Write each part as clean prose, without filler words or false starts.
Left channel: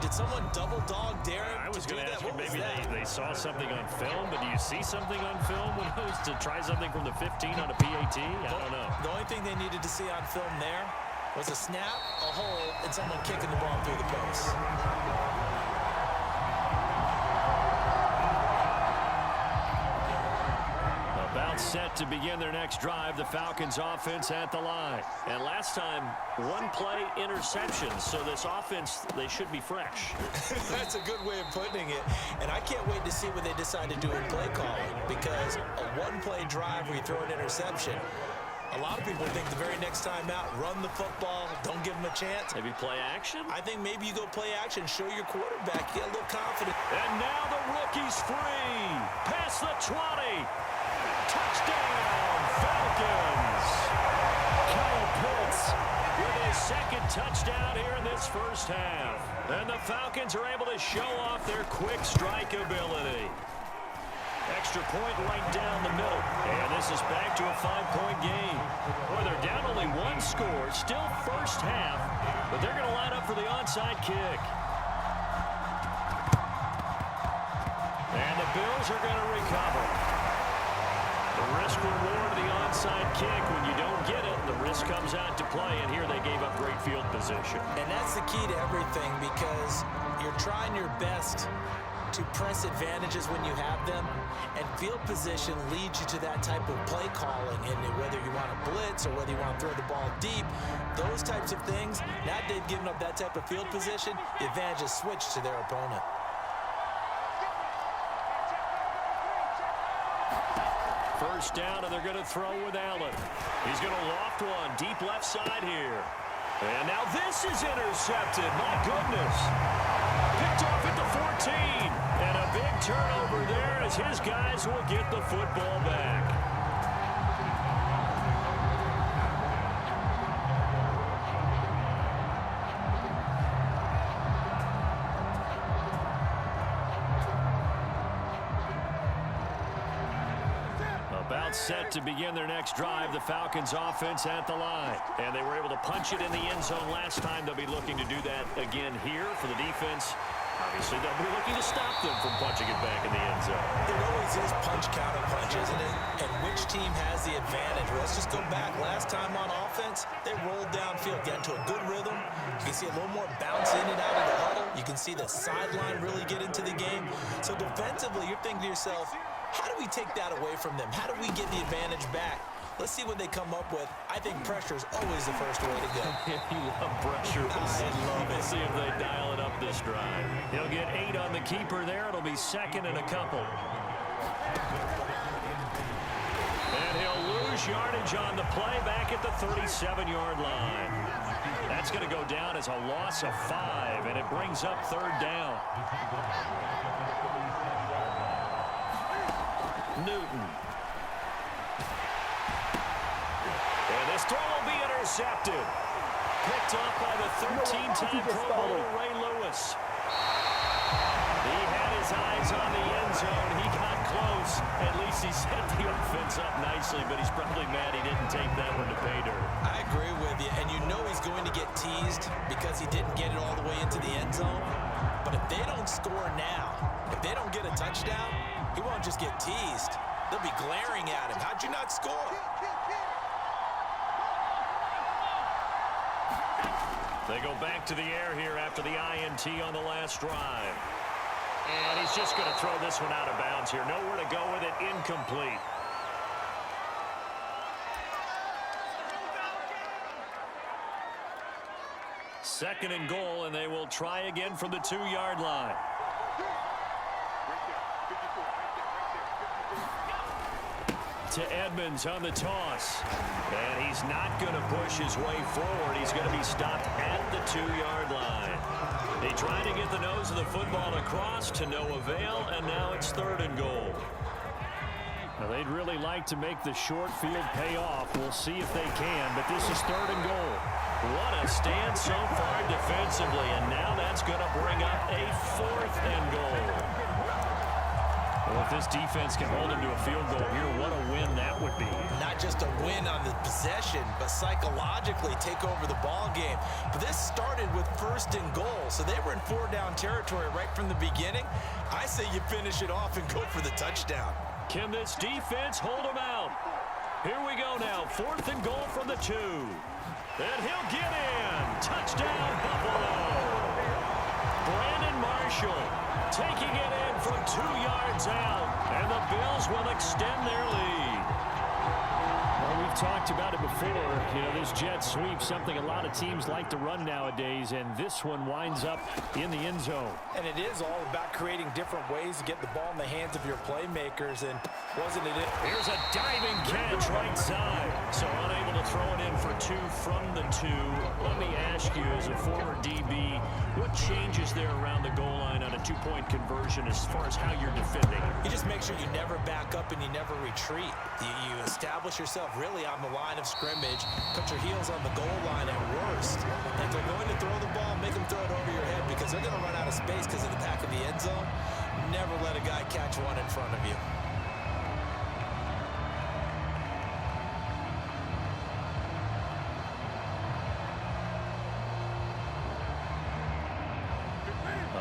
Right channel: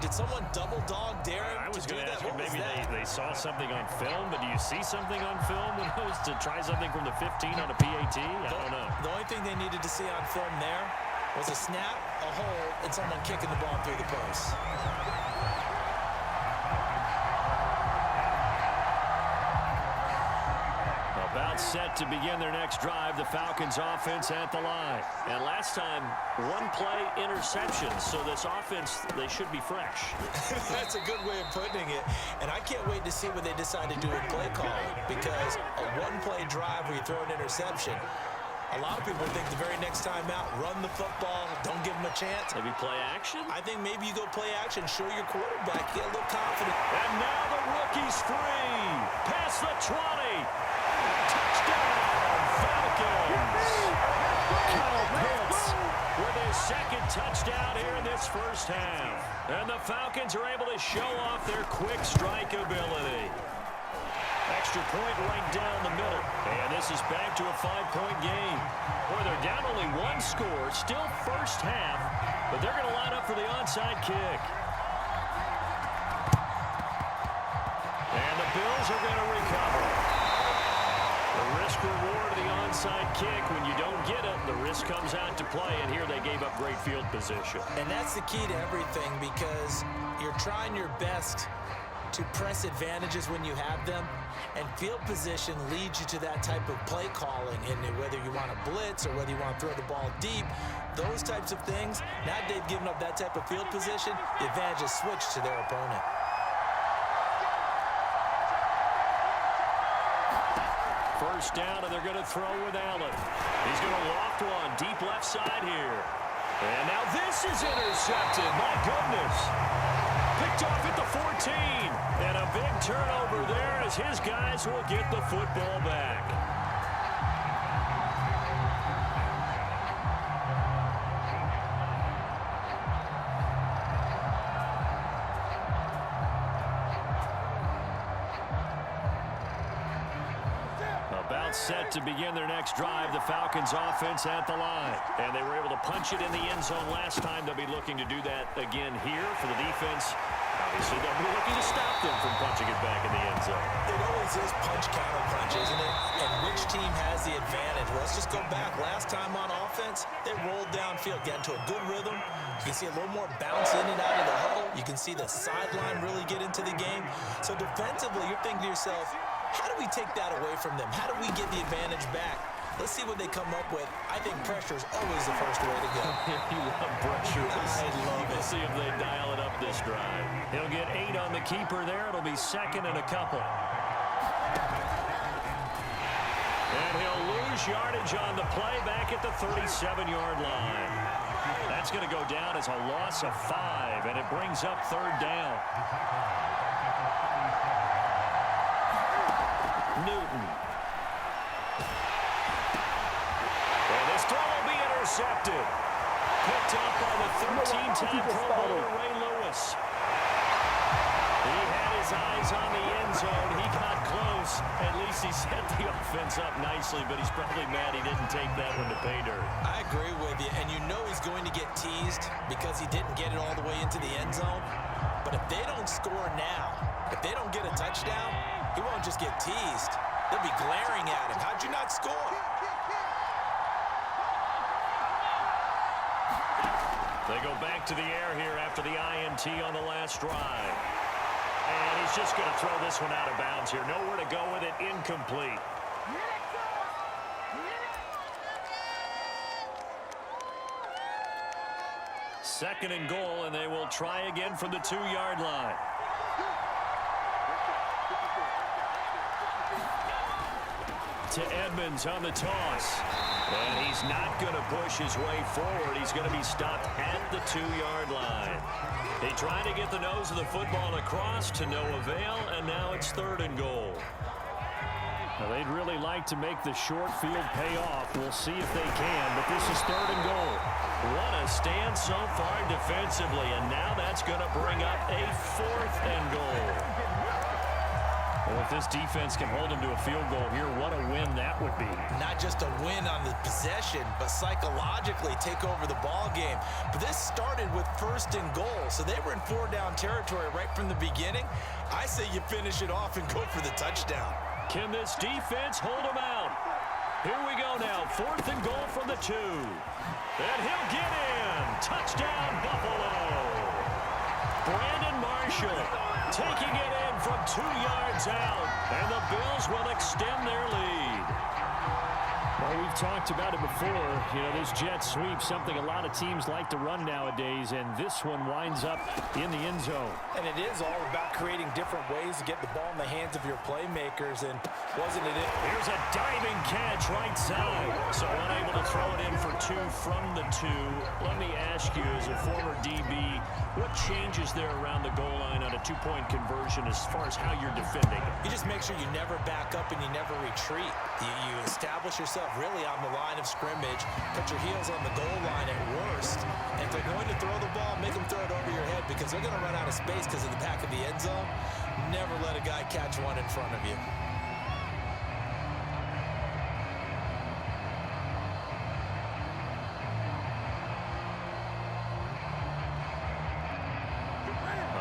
Did someone double dog dare him? I was going to ask you, maybe they saw something on film, but do you see something on film when it was to try something from the 15 on a PAT? I don't know. The only thing they needed to see on film there was a snap, a hold, and someone kicking the ball through the post. About set to begin their next drive, the Falcons offense at the line. And last time, one play interception, so this offense, they should be fresh. That's a good way of putting it. And I can't wait to see what they decide to do in play calling, because a one-play drive where you throw an interception, a lot of people think the very next time out, run the football, don't give them a chance. Maybe play action? I think maybe you go play action, show your quarterback, get a little confident. And now the rookie's free. Past the 20. Touchdown, Falcons! Kyle Pitts with his second touchdown here in this first half. And the Falcons are able to show off their quick strike ability. Extra point right down the middle. And this is back to a 5-point game. Boy, they're down only one score, still first half, but they're going to line up for the onside kick. And the Bills are going to recover. The risk-reward of the onside kick, when you don't get it, the risk comes out to play, and here they gave up great field position. And that's the key to everything, because you're trying your best to press advantages when you have them, and field position leads you to that type of play calling, and whether you want to blitz or whether you want to throw the ball deep, those types of things, now they've given up that type of field position, the advantage is switched to their opponent. First down, and they're going to throw with Allen. He's going to loft one deep left side here. And now this is intercepted. My goodness. Picked off at the 14. And a big turnover there as his guys will get the football back. About set to begin their next drive, the Falcons offense at the line. And they were able to punch it in the end zone last time. They'll be looking to do that again here for the defense. Obviously, they'll be looking to stop them from punching it back in the end zone. It always is punch-counter-punch, isn't it? And which team has the advantage? Well, let's just go back. Last time on offense, they rolled downfield, got into a good rhythm. You can see a little more bounce in and out of the huddle. You can see the sideline really get into the game. So defensively, you're thinking to yourself, how do we take that away from them? How do we get the advantage back? Let's see what they come up with. I think pressure is always the first way to go. You love pressure. I love it. We'll see if they dial it up this drive. He'll get 8 on the keeper there. It'll be second and a couple. And he'll lose yardage on the play back at the 37-yard line. That's going to go down as a loss of 5, and it brings up third down. Newton. And this throw will be intercepted. Picked up by the 13-time Pro Bowler Ray Lewis. He had his eyes on the end zone. He got close. At least he set the offense up nicely, but he's probably mad he didn't take that one to pay dirt. I agree with you, and you know he's going to get teased because he didn't get it all the way into the end zone. But if they don't score now, if they don't get a touchdown, he won't just get teased. They'll be glaring at him. How'd you not score? They go back to the air here after the INT on the last drive. And he's just going to throw this one out of bounds here. Nowhere to go with it. Incomplete. Second and goal, and they will try again from the 2-yard line. To Edmonds on the toss. And he's not going to push his way forward. He's going to be stopped at the 2-yard line. He tried to get the nose of the football across to no avail, and now it's third and goal. Now, they'd really like to make the short field pay off. We'll see if they can, but this is third and goal. What a stand so far defensively, and now that's going to bring up a fourth and goal. Well, if this defense can hold them to a field goal here, what a win that would be. Not just a win on the possession, but psychologically take over the ball game. But this started with 1st and goal, so they were in 4-down territory right from the beginning. I say you finish it off and go for the touchdown. Can this defense hold them out? Here we go now, 4th and goal from the 2. And he'll get in. Touchdown, Buffalo. Brandon Marshall taking it in from 2 yards out, and the Bills will extend their lead. Well, we've talked about it before. You know, this jet sweep, something a lot of teams like to run nowadays, and this one winds up in the end zone. And it is all about creating different ways to get the ball in the hands of your playmakers, and wasn't it? Here's a diving catch right side. So unable to throw it in for 2 from the 2. Let me ask you, as a former DB, what changes there around the goal line on a 2-point conversion as far as how you're defending it? You just make sure you never back up and you never retreat. You establish yourself really on the line of scrimmage, put your heels on the goal line at worst. And if they're going to throw the ball, make them throw it over your head because they're going to run out of space because of the back of the end zone. Never let a guy catch one in front of you.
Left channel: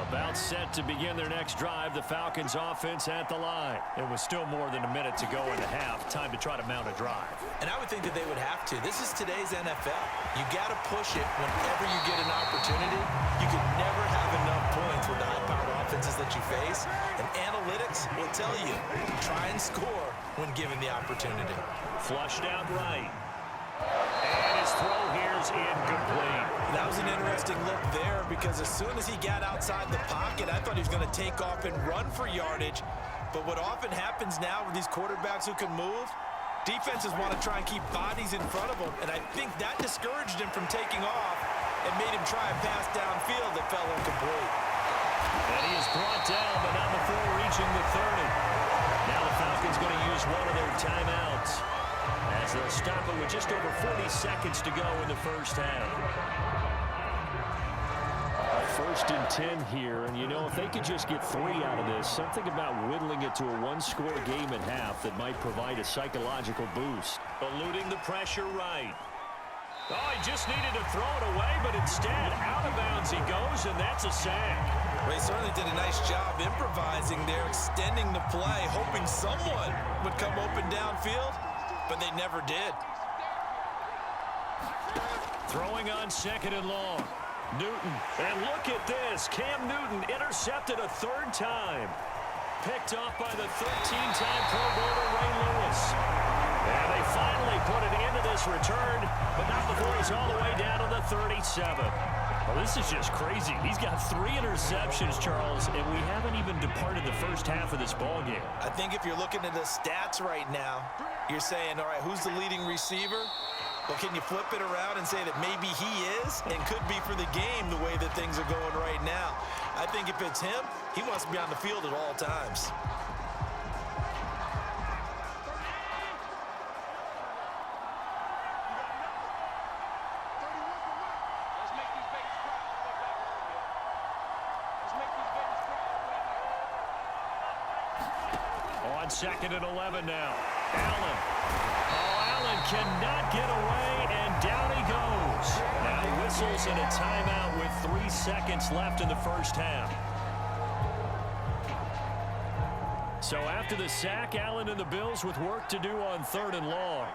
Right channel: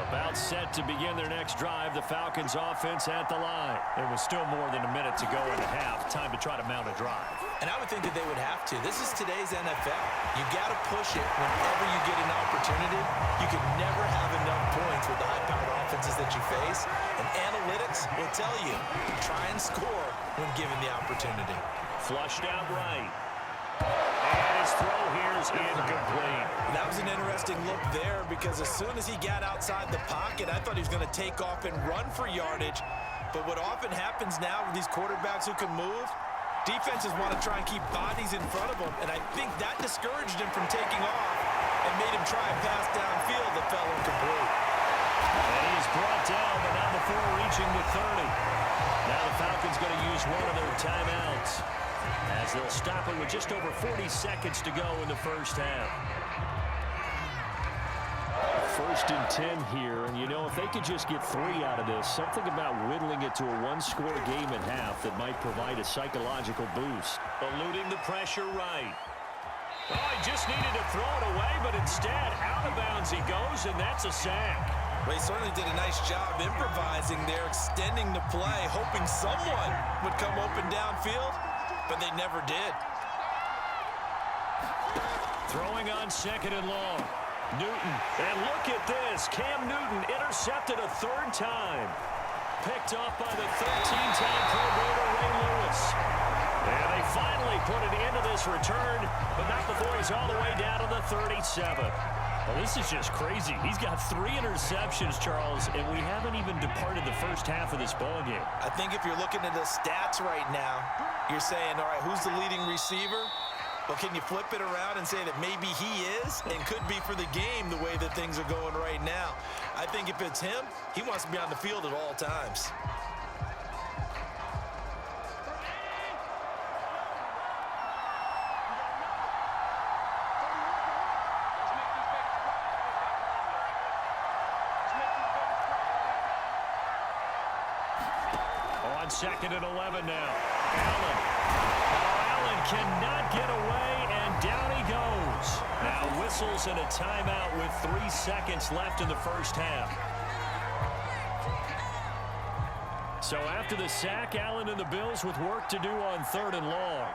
About set to begin their next drive. The Falcons offense at the line. It was still more than a minute to go in the half. Time to try to mount a drive. And I would think that they would have to. This is today's NFL. You got to push it whenever you get an opportunity. You can never have enough points with the high-powered offenses that you face. And analytics will tell you, try and score when given the opportunity. Flushed out right. And his throw here's incomplete. That was an interesting look there because as soon as he got outside the pocket, I thought he was going to take off and run for yardage. But what often happens now with these quarterbacks who can move, defenses want to try and keep bodies in front of them. And I think that discouraged him from taking off and made him try a pass downfield that fell incomplete. And he is brought down, but not before reaching the 30. Now the Falcons going to use one of their timeouts, as they'll stop it with just over 40 seconds to go in the first half. 1st and 10 here, and you know, if they could just get 3 out of this, something about whittling it to a 1-score game at half that might provide a psychological boost. Eluding the pressure right. Oh, he just needed to throw it away, but instead, out of bounds he goes, and that's a sack. Well, he certainly did a nice job improvising there, extending the play, hoping someone would come open downfield, but they never did. Throwing on 2nd and long. Newton, and look at this. Cam Newton intercepted a 3rd time. Picked off by the 13-time Pro Bowler Ray Lewis. And they finally put an end to this return, but not before he's all the way down to the 37. Well, this is just crazy. He's got 3 interceptions, Charles, and we haven't even departed the first half of this ballgame. I think if you're looking at the stats right now, you're saying, all right, who's the leading receiver? Well, can you flip it around and say that maybe he is and could be for the game the way that things are going right now? I think if it's him, he wants to be on the field at all times. On 2nd and 11 now. Allen. Oh, Allen cannot get away, and down he goes. Now whistles and a timeout with 3 seconds left in the first half. So after the sack, Allen and the Bills with work to do on 3rd and long.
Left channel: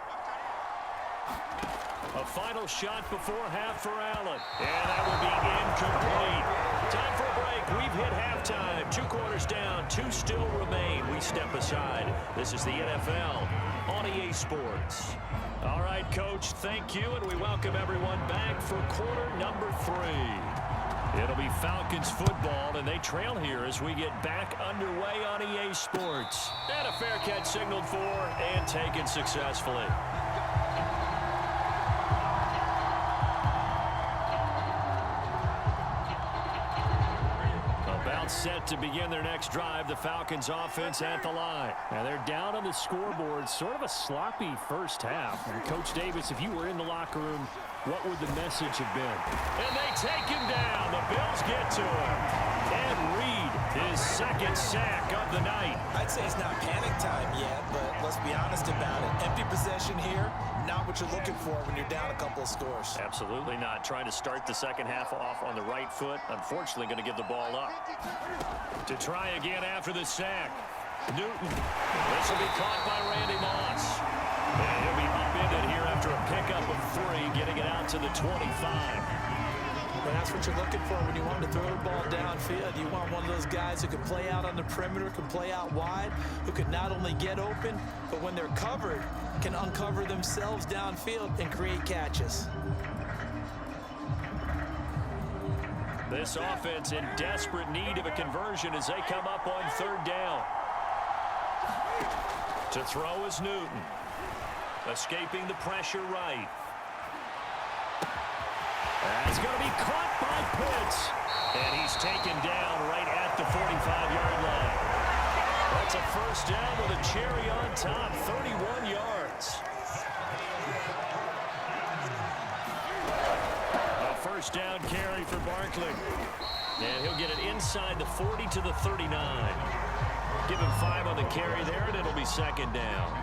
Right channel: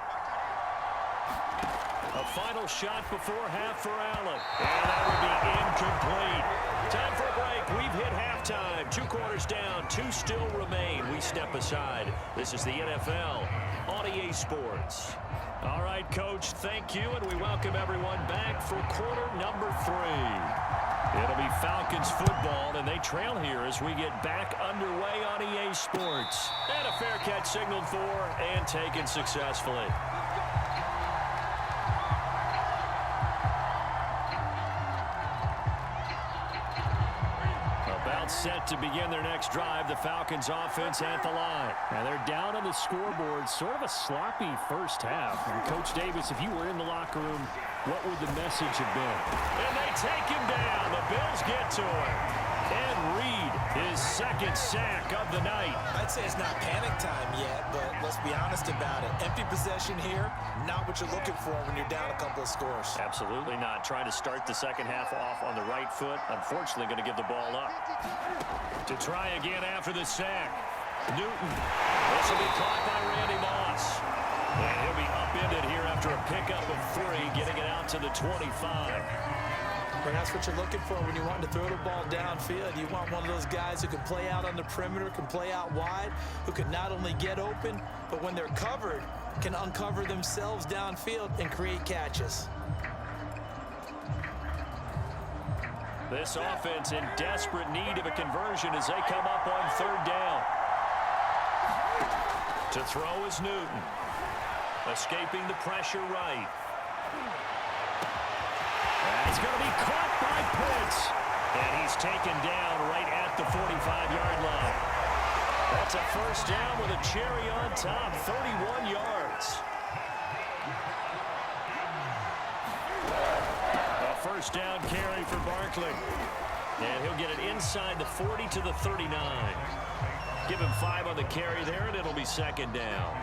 A final shot before half for Allen. And that will be incomplete. Time for a break. We've hit halftime. 2 quarters down. 2 still remain. We step aside. This is the NFL on EA Sports. All right, Coach, thank you, and we welcome everyone back for quarter number 3. It'll be Falcons football, and they trail here as we get back underway on EA Sports. And a fair catch signaled for and taken successfully. About set to begin their next drive, the Falcons offense at the line. And they're down on the scoreboard, sort of a sloppy first half. And Coach Davis, if you were in the locker room, what would the message have been? And they take him down. The Bills get to him. And Reed, his second sack of the night. I'd say it's not panic time yet, but let's be honest about it. Empty possession here, not what you're looking for when you're down a couple of scores. Absolutely not. Trying to start the second half off on the right foot. Unfortunately, going to give the ball up. To try again after the sack. Newton. This will be caught by Randy Moss. And he'll be upended here after a pickup of 3, getting it out to the 25. But that's what you're looking for when you want to throw the ball downfield. You want one of those guys who can play out on the perimeter, can play out wide, who can not only get open, but when they're covered, can uncover themselves downfield and create catches. This offense in desperate need of a conversion as they come up on 3rd down. To throw is Newton. Escaping the pressure right. That's going to be caught by Pitts. And he's taken down right at the 45-yard line. That's a first down with a cherry on top, 31 yards. A first down carry for Barkley. And he'll get it inside the 40 to the 39. Give him 5 on the carry there, and it'll be 2nd down.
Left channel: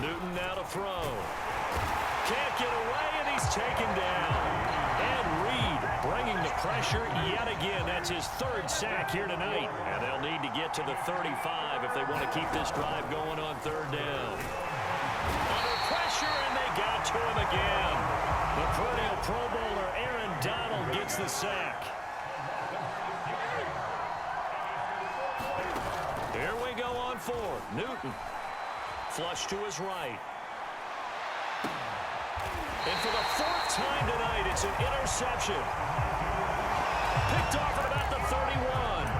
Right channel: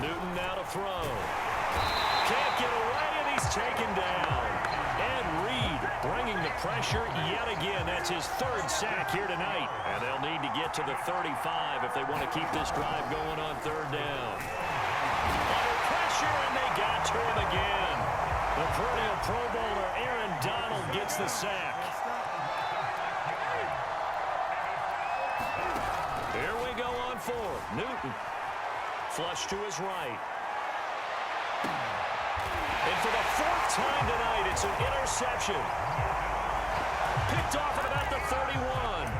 Newton now to throw. Can't get away, and he's taken down. And Reed bringing the pressure yet again. That's his 3rd sack here tonight. And they'll need to get to the 35 if they want to keep this drive going on 3rd down. Under pressure, and they got to him again. The perennial Pro Bowler Aaron Donald gets the sack. Here we go on 4th. Newton. Flush to his right. And for the 4th time tonight, it's an interception. Picked off at about the 31.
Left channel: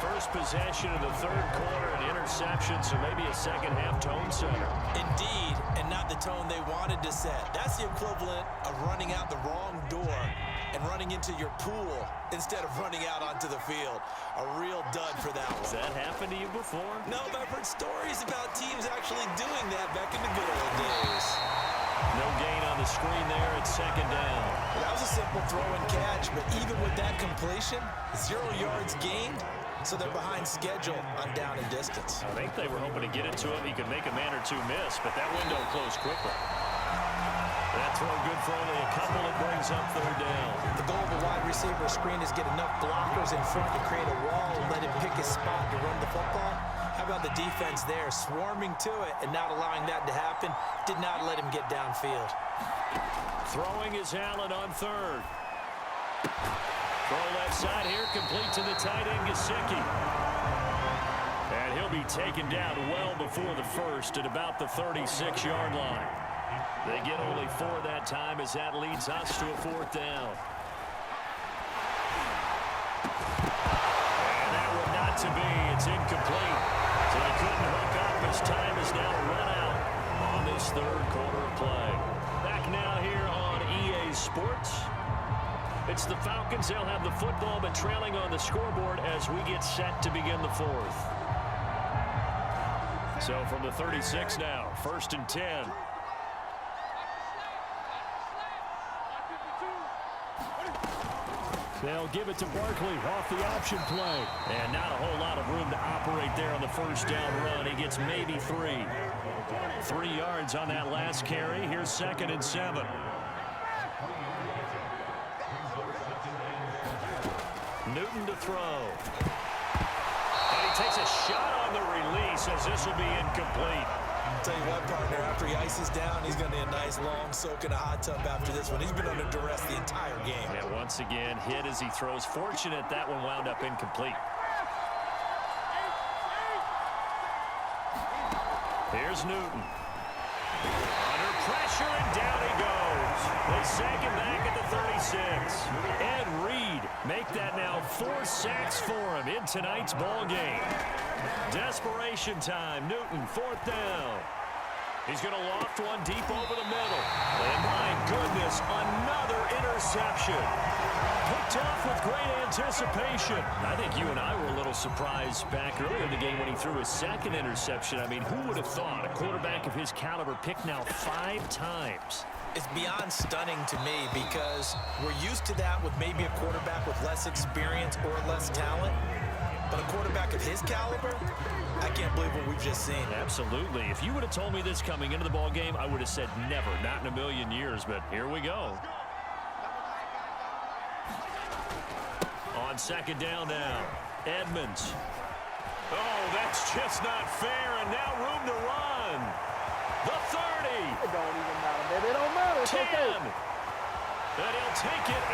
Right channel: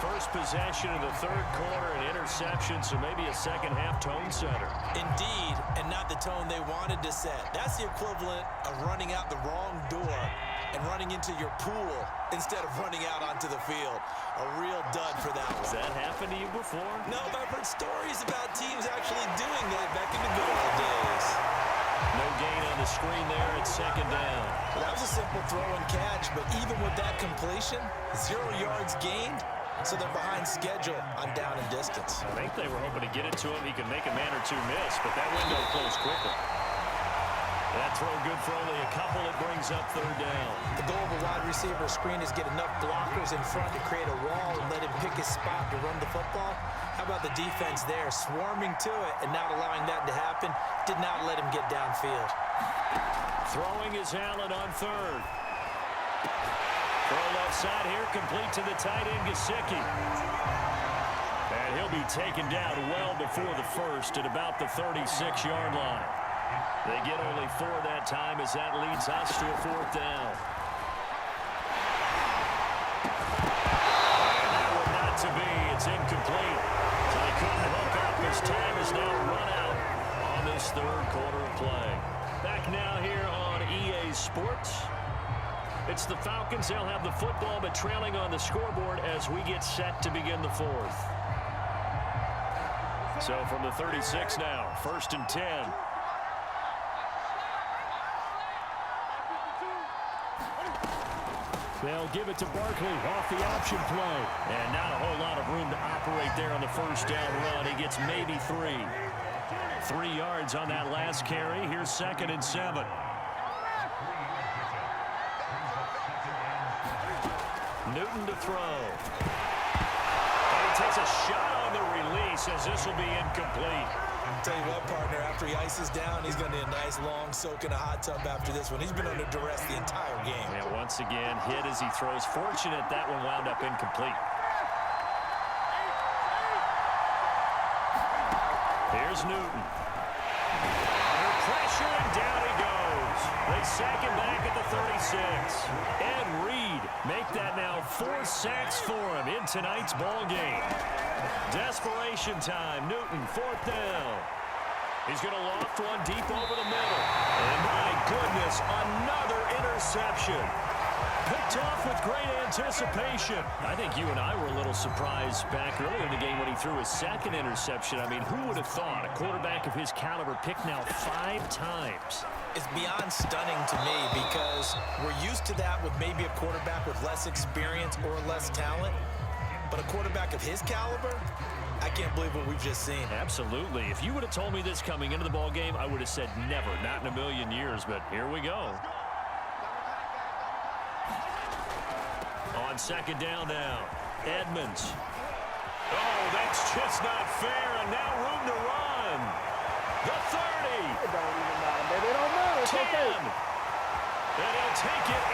First possession of the 3rd quarter, an interception, so maybe a second-half tone setter. Indeed, and not the tone they wanted to set. That's the equivalent of running out the wrong door and running into your pool instead of running out onto the field. A real dud for that one. Has that happened to you before? No, but I've heard stories about teams actually doing that back in the good old days. No gain on the screen there at 2nd down. Well, that was a simple throw and catch, but even with that completion, 0 yards gained, so they're behind schedule on down and distance. I think they were hoping to get it to him. He could make a man or 2 miss, but that window closed quickly. That throw good for only a couple. It brings up 3rd down. The goal of a wide receiver screen is get enough blockers in front to create a wall and let him pick his spot to run the football. How about the defense there, swarming to it and not allowing that to happen? Did not let him get downfield. Throwing is Allen on 3rd. Throw left side here, complete to the tight end, Gesicki. And he'll be taken down well before the 1st at about the 36-yard line. They get only 4 that time as that leads us to a 4th down. And that one not to be. It's incomplete. So they couldn't hook up as time is now run out on this 3rd quarter of play. Back now here on EA Sports. It's the Falcons. They'll have the football, but trailing on the scoreboard as we get set to begin the 4th. So from the 36 now, 1st and 10. They'll give it to Barkley off the option play. And not a whole lot of room to operate there on the 1st down run. He gets maybe 3. 3 yards on that last carry. Here's 2nd and 7. Newton to throw. And he takes a shot on the release as this will be incomplete. Tell you what, partner, after he ices down, he's going to need a nice long soak in a hot tub after this one. He's been under duress the entire game. And once again, hit as he throws. Fortunate that one wound up incomplete. Here's Newton. Under pressure, and down he goes. They sack him back at the 36. And Reed make that now 4 sacks for him in tonight's ball game. Desperation time. Newton, 4th down. He's going to loft one deep over the middle. And my goodness, another interception. Picked off with great anticipation. I think you and I were a little surprised back earlier in the game when he threw his second interception. I mean, who would have thought a quarterback of his caliber picked now 5 times? It's beyond stunning to me because we're used to that with maybe a quarterback with less experience or less talent. But a quarterback of his caliber, I can't believe what we've just seen. Absolutely. If you would have told me this coming into the ball game, I would have said never, not in a million years. But here we go. On second down now, Edmonds. Oh, that's just not fair, and now room to run. The 30. It don't even matter, baby. It don't matter. It's 10. okay. And he'll take it